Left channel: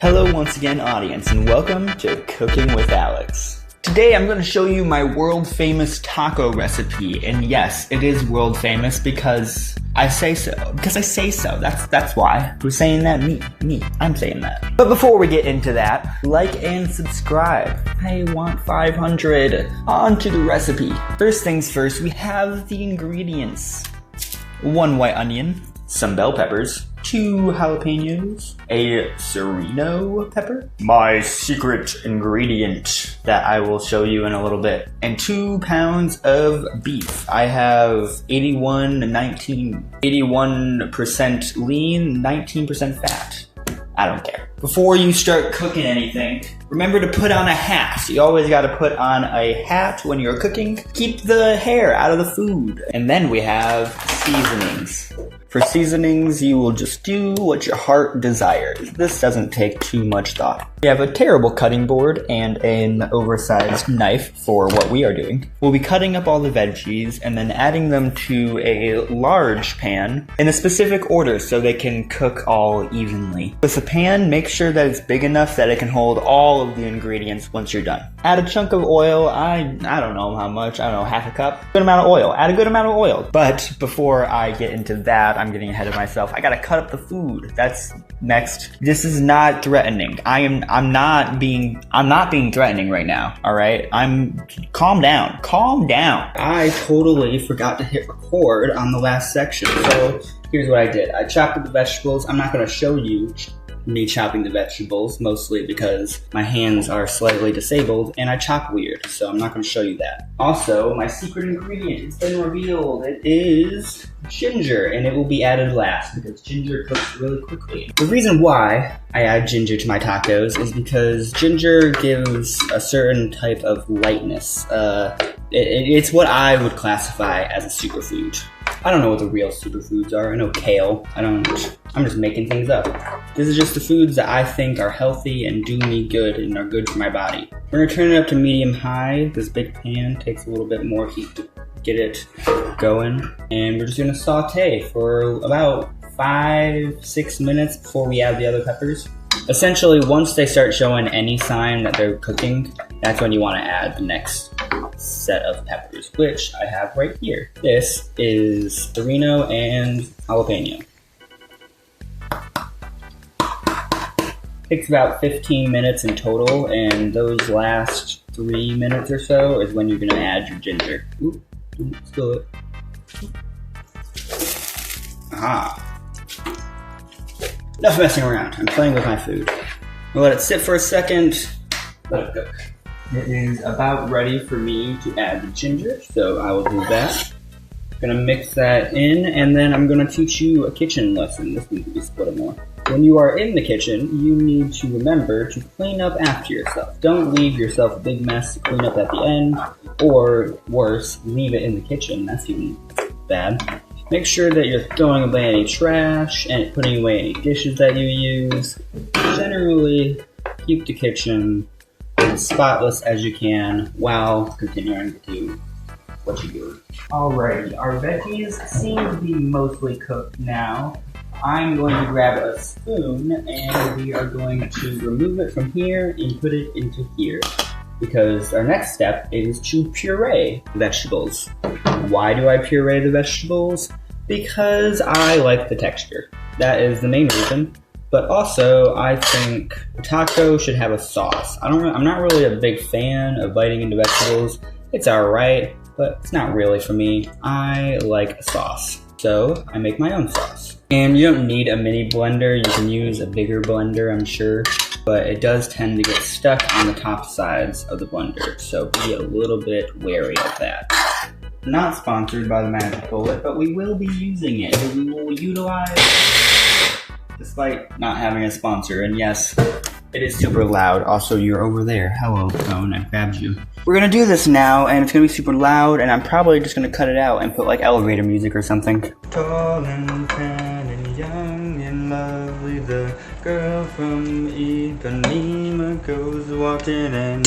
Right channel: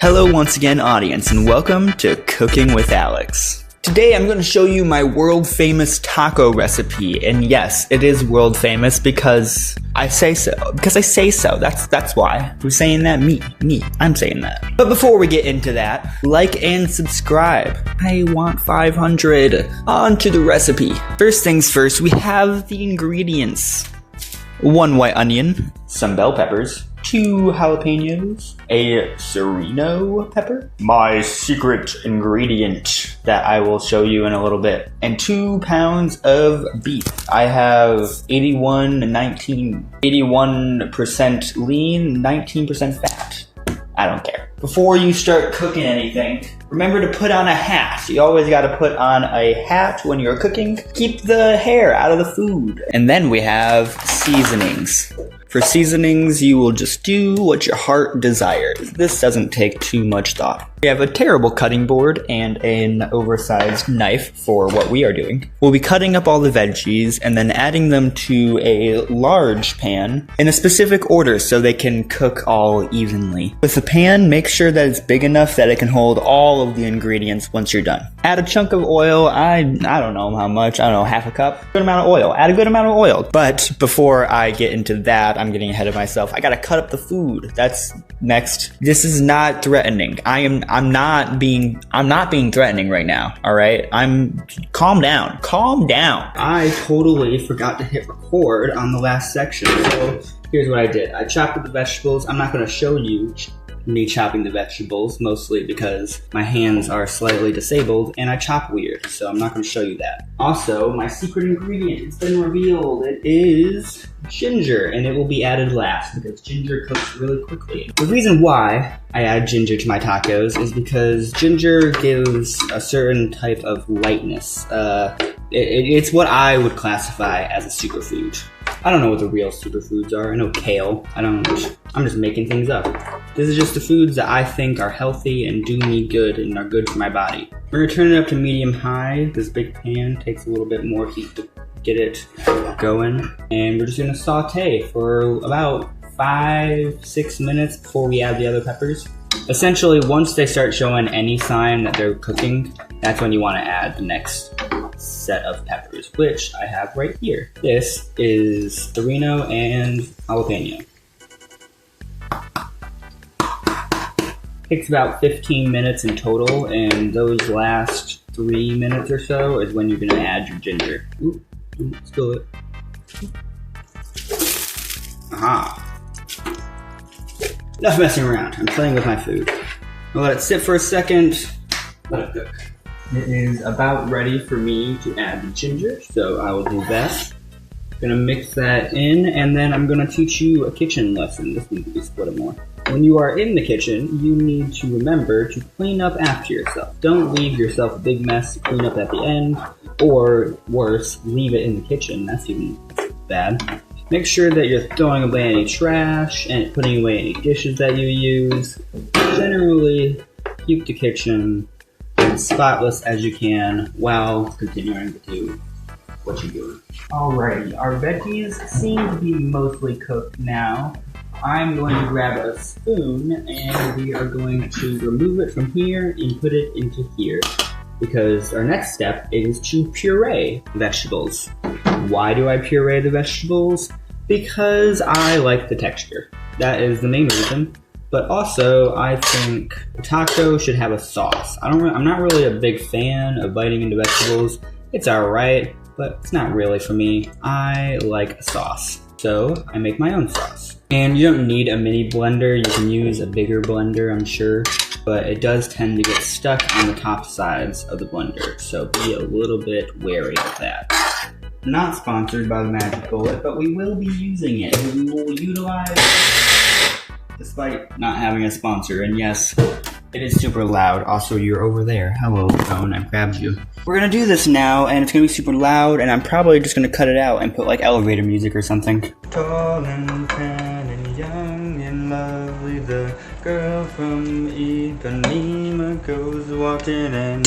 Hello once again, audience, and welcome to Cooking with Alex. Today I'm going to show you my world famous taco recipe, and yes, it is world famous because I say so. That's why. Who's saying that? Me. I'm saying that. But before we get into that, like and subscribe. I want 500. On to the recipe. First things first, we have the ingredients. 1 white onion, some bell peppers, 2 jalapenos, a serrano pepper, my secret ingredient that I will show you in a little bit, and 2 pounds of beef. I have 81% lean, 19% fat. I don't care. Before you start cooking anything, remember to put on a hat. You always gotta put on a hat when you're cooking. Keep the hair out of the food. And then we have seasonings. For seasonings, you will just do what your heart desires. This doesn't take too much thought. We have a terrible cutting board and an oversized knife for what we are doing. We'll be cutting up all the veggies and then adding them to a large pan in a specific order so they can cook all evenly. With the pan, make sure that it's big enough that it can hold all of the ingredients once you're done. Add a chunk of oil. I don't know how much. I don't know, half a cup. Good amount of oil. Add a good amount of oil. But before I get into that, I'm getting ahead of myself. I gotta cut up the food. That's next. This is not threatening. I'm not being threatening right now. All right. Calm down. I totally forgot to hit record on the last section. So here's what I did. I chopped up the vegetables. I'm not gonna show you me chopping the vegetables, mostly because my hands are slightly disabled and I chop weird, so I'm not going to show you that. Also, my secret ingredient has been revealed. It is ginger, and it will be added last because ginger cooks really quickly. The reason why I add ginger to my tacos is because ginger gives a certain type of lightness. It's what I would classify as a superfood. I don't know what the real superfoods are. I know kale. I'm just making things up. This is just the foods that I think are healthy and do me good and are good for my body. We're gonna turn it up to medium-high. This big pan takes a little bit more heat to get it going. And we're just gonna saute for about 5-6 minutes before we add the other peppers. Essentially, once they start showing any sign that they're cooking, that's when you wanna add the next set of peppers, which I have right here. This is serrano and jalapeno. Takes about 15 minutes in total, and those last 3 minutes or so is when you're gonna add your ginger. Ooh, spill it. Aha. Enough messing around. I'm playing with my food. I'll let it sit for a second. Let it cook. It is about ready for me to add the ginger, so I will do that. Gonna mix that in, and then I'm gonna teach you a kitchen lesson. This needs to be split more. When you are in the kitchen, you need to remember to clean up after yourself. Don't leave yourself a big mess to clean up at the end, or worse, leave it in the kitchen. That's even bad. Make sure that you're throwing away any trash and putting away any dishes that you use. Generally, keep the kitchen as spotless as you can while continuing to do what you're doing. Alrighty, our veggies seem to be mostly cooked now. I'm going to grab a spoon and we are going to remove it from here and put it into here, because our next step is to puree vegetables. Why do I puree the vegetables? Because I like the texture. That is the main reason. But also, I think a taco should have a sauce. I'm not really a big fan of biting into vegetables. It's alright, but it's not really for me. I like a sauce. So, I make my own sauce. And you don't need a mini blender. You can use a bigger blender, I'm sure. But it does tend to get stuck on the top sides of the blender. So be a little bit wary of that. Not sponsored by the Magic Bullet, but we will be using it. We will utilize it despite not having a sponsor. And yes, it is super loud. Also, you're over there. Hello, phone. I grabbed you. We're gonna do this now, and it's gonna be super loud, and I'm probably just gonna cut it out and put like elevator music or something. Tall and tan and young and lovely, the girl from Ipanema goes walking in.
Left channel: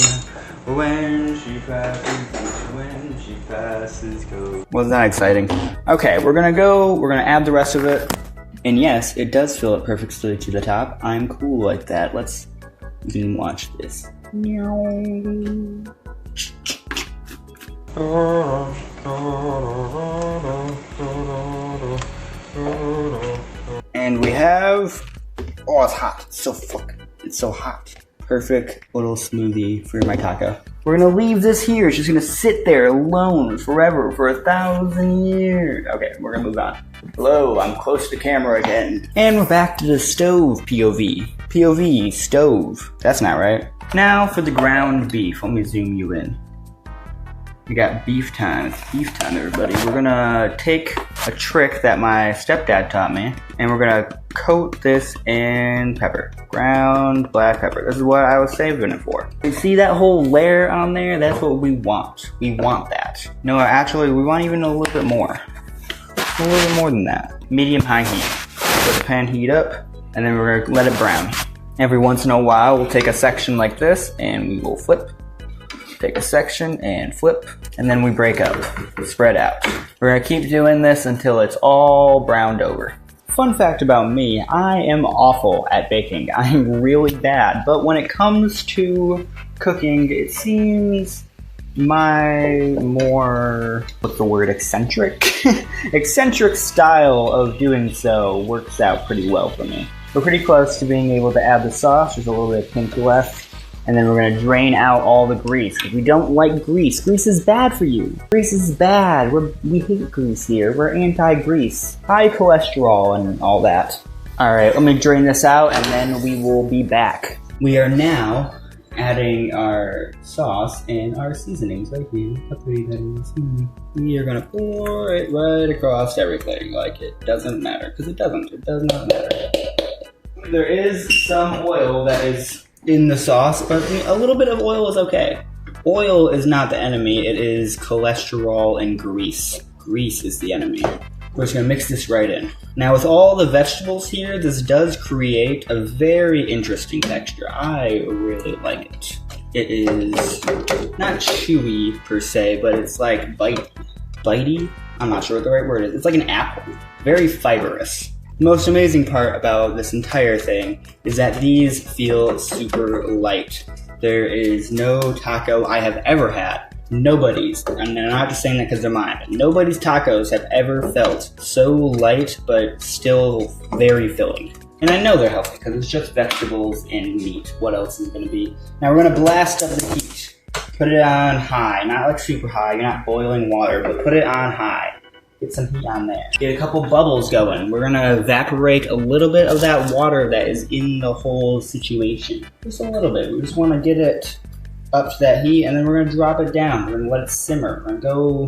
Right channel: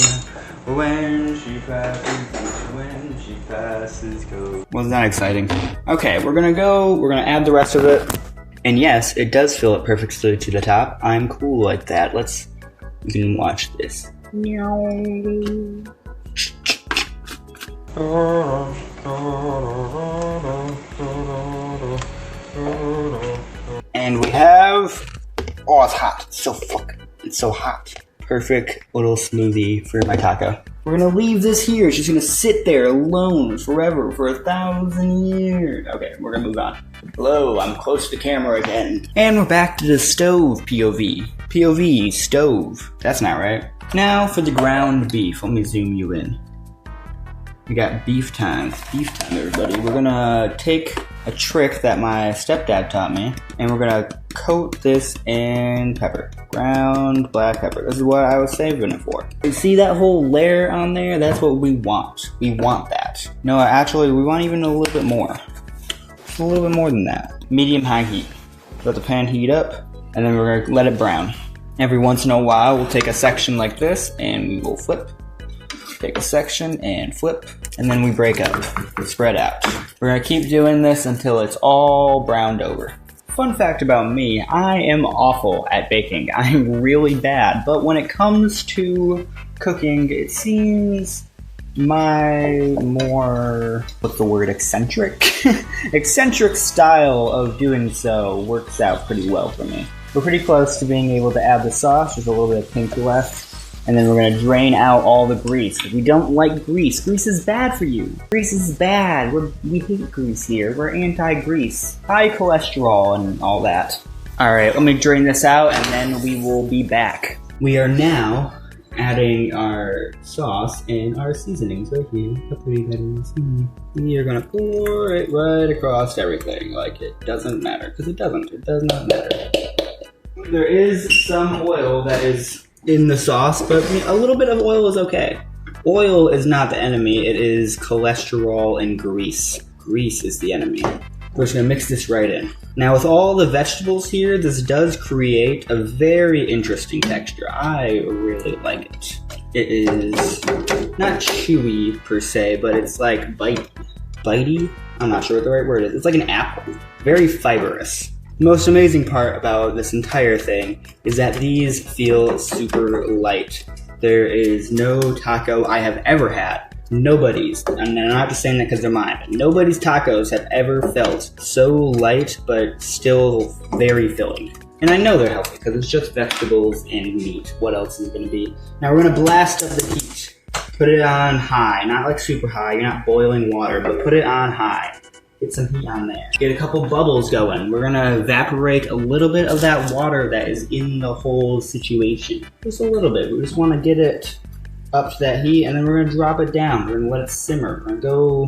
When she passes, go. Wasn't that exciting? Okay, we're gonna add the rest of it. And yes, it does fill it perfectly to the top. I'm cool like that. You can watch this. And we have, oh, it's hot. It's so hot. Perfect little smoothie for my taco. We're gonna leave this here. It's just gonna sit there alone forever for 1,000 years. Okay, we're gonna move on. Hello, I'm close to the camera again. And we're back to the stove POV. POV, stove. That's not right. Now for the ground beef. Let me zoom you in. We got beef time. Beef time, everybody. We're gonna take a trick that my stepdad taught me, and we're gonna coat this in pepper. Ground black pepper. This is what I was saving it for. You see that whole layer on there? That's what we want. We want that. No, actually, we want even a little bit more. A little bit more than that. Medium-high heat. Let the pan heat up, and then we're gonna let it brown. Every once in a while, we'll take a section like this, and we will flip. Take a section and flip, and then we break up, spread out. We're gonna keep doing this until it's all browned over. Fun fact about me, I am awful at baking. I'm really bad, but when it comes to cooking, it seems my more, eccentric? Eccentric style of doing so works out pretty well for me. We're pretty close to being able to add the sauce. There's a little bit of pink left. And then we're going to drain out all the grease. We don't like grease. Grease is bad for you. Grease is bad. We hate grease here. We're anti-grease. High cholesterol and all that. Alright, let me drain this out and then we will be back. We are now adding our sauce and our seasonings right here. We are going to pour it right across everything like it doesn't matter. Because it doesn't. It does not matter. There is some oil that is in the sauce, but a little bit of oil is okay. Oil is not the enemy, it is cholesterol and grease. Grease is the enemy. We're just gonna mix this right in. Now with all the vegetables here, this does create a very interesting texture. I really like it. It is not chewy per se, but it's like bitey? I'm not sure what the right word is. It's like an apple. Very fibrous. The most amazing part about this entire thing is that these feel super light. There is no taco I have ever had. Nobody's, and I'm not just saying that because they're mine, but nobody's tacos have ever felt so light but still very filling. And I know they're healthy because it's just vegetables and meat. What else is going to be? Now we're going to blast up the heat. Put it on high, not like super high, you're not boiling water, but put it on high. Get some heat on there. Get a couple bubbles going. We're gonna evaporate a little bit of that water that is in the whole situation. Just a little bit. We just wanna get it up to that heat and then we're gonna drop it down. We're gonna let it simmer. We're gonna go,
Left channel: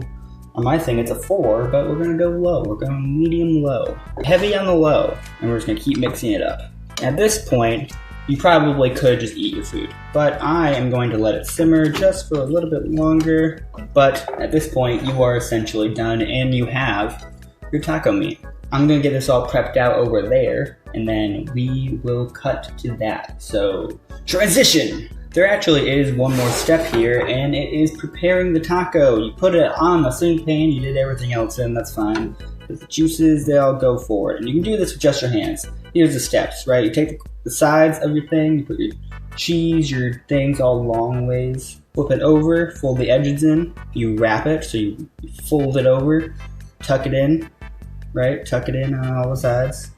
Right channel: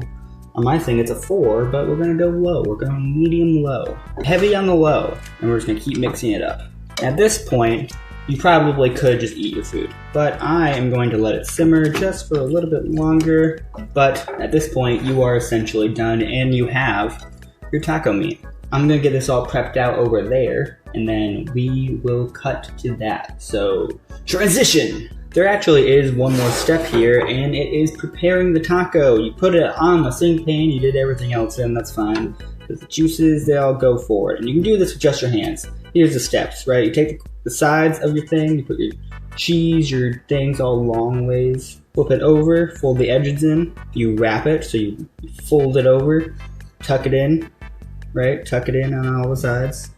on my thing it's a 4, but we're gonna go low. We're going medium low. Heavy on the low. And we're just gonna keep mixing it up. At this point, you probably could just eat your food, but I am going to let it simmer just for a little bit longer. But at this point, you are essentially done and you have your taco meat. I'm gonna get this all prepped out over there and then we will cut to that. So, transition! There actually is one more step here and it is preparing the taco. You put it on the same pan, you did everything else in, that's fine. But the juices, they all go forward. And you can do this with just your hands. Here's the steps, right? You take the sides of your thing, you put your cheese, your things all long ways. Flip it over, fold the edges in. You wrap it, so you fold it over, tuck it in, right? Tuck it in on all the sides.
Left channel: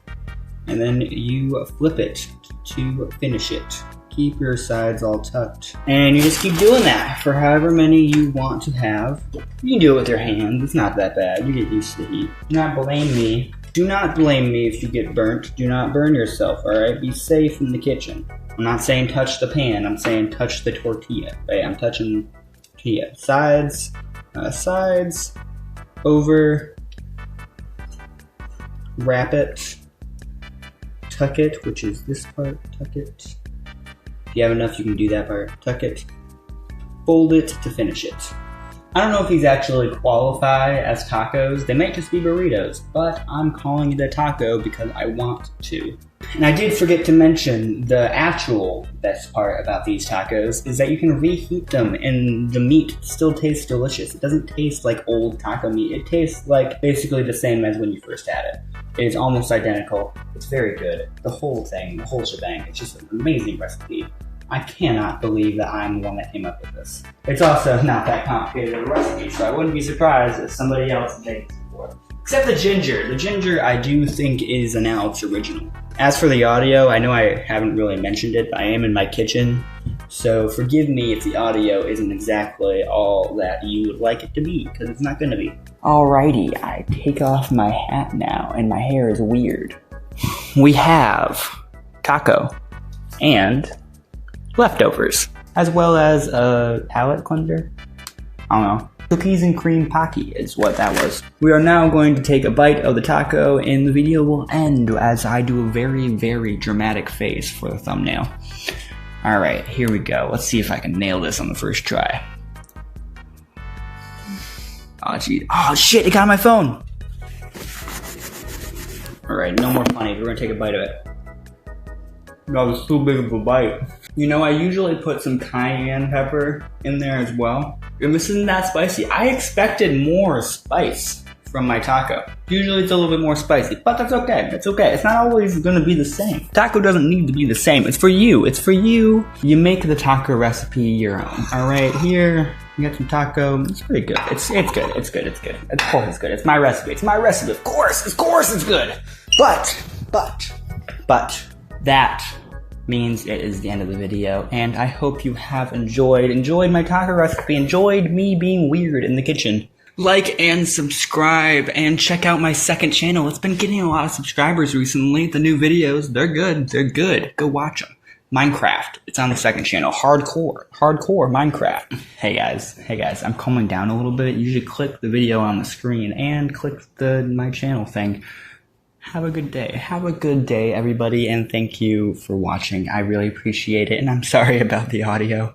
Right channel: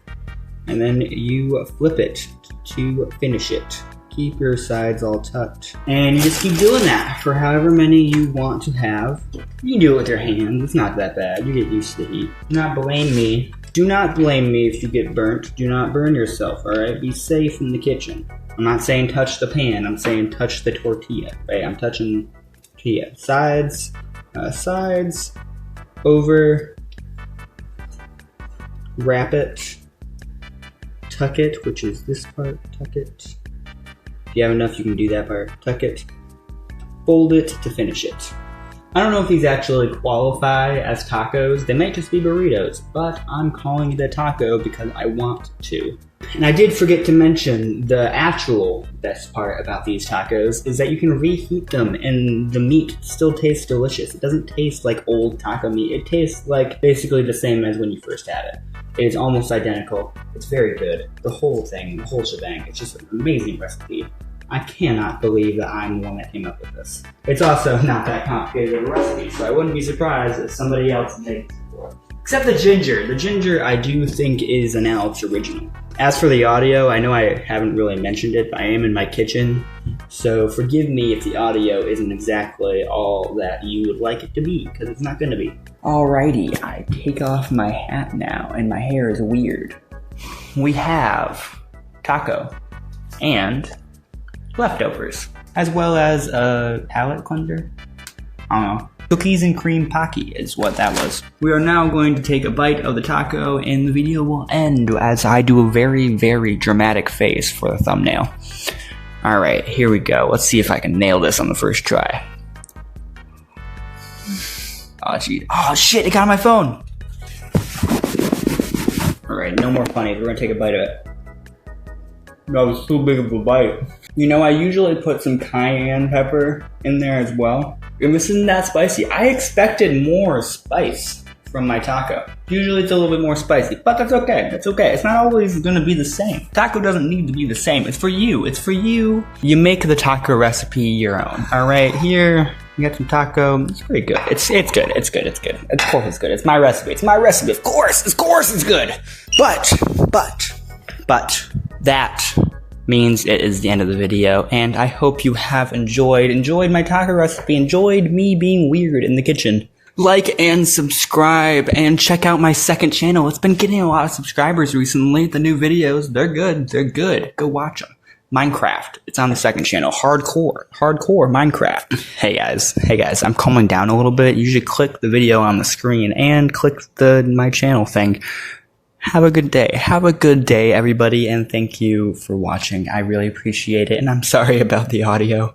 And then you flip it to finish it. Keep your sides all tucked. And you just keep doing that for however many you want to have. You can do it with your hands. It's not that bad. You get used to the heat. Do not blame me. Do not blame me if you get burnt. Do not burn yourself, alright? Be safe in the kitchen. I'm not saying touch the pan. I'm saying touch the tortilla, right? I'm touching tortilla. Sides, over, wrap it, tuck it, which is this part, tuck it. If you have enough, you can do that part. Tuck it, fold it to finish it. I don't know if these actually qualify as tacos. They might just be burritos, but I'm calling it a taco because I want to. And I did forget to mention the actual best part about these tacos is that you can reheat them and the meat still tastes delicious. It doesn't taste like old taco meat. It tastes like basically the same as when you first had it. is almost identical. It's very good. The whole thing, the whole shebang, it's just an amazing recipe. I cannot believe that I'm the one that came up with this. It's also not that complicated of a recipe, so I wouldn't be surprised if somebody else makes it before. Except the ginger. The ginger I do think is an Alex original. As for the audio, I know I haven't really mentioned it, but I am in my kitchen, so forgive me if the audio isn't exactly all that you would like it to be, because it's not going to be. Alrighty, I take off my hat now, and my hair is weird. We have taco and leftovers, as well as a palate cleanser. I don't know. Cookies and cream Pocky is what that was. We are now going to take a bite of the taco, and the video will end as I do a very, very dramatic face for the thumbnail. Alright, here we go. Let's see if I can nail this on the first try. Oh, gee. Oh, shit, it got on my phone! Alright, no more funny. We're gonna take a bite of it. That was too big of a bite. You know, I usually put some cayenne pepper in there as well. And this isn't that spicy. I expected more spice from my taco. Usually it's a little bit more spicy, but that's okay. That's okay. It's not always gonna be the same. Taco doesn't need to be the same. It's for you. It's for you. You make the taco recipe your own. Alright, here, you got some taco. It's pretty good. It's good. It's good. It's good. Of course it's good. It's my recipe. It's my recipe. Of course it's good. But that means it is the end of the video, and I hope you have enjoyed my taco recipe, enjoyed me being weird in the kitchen. Like and subscribe, and check out my second channel. It's been getting a lot of subscribers recently. The new videos, they're good. Go watch them. Minecraft, it's on the second channel. Hardcore Minecraft. Hey guys, I'm calming down a little bit. You should click the video on the screen and click my channel thing. Have a good day, everybody, and thank you for watching. I really appreciate it, and I'm sorry about the audio.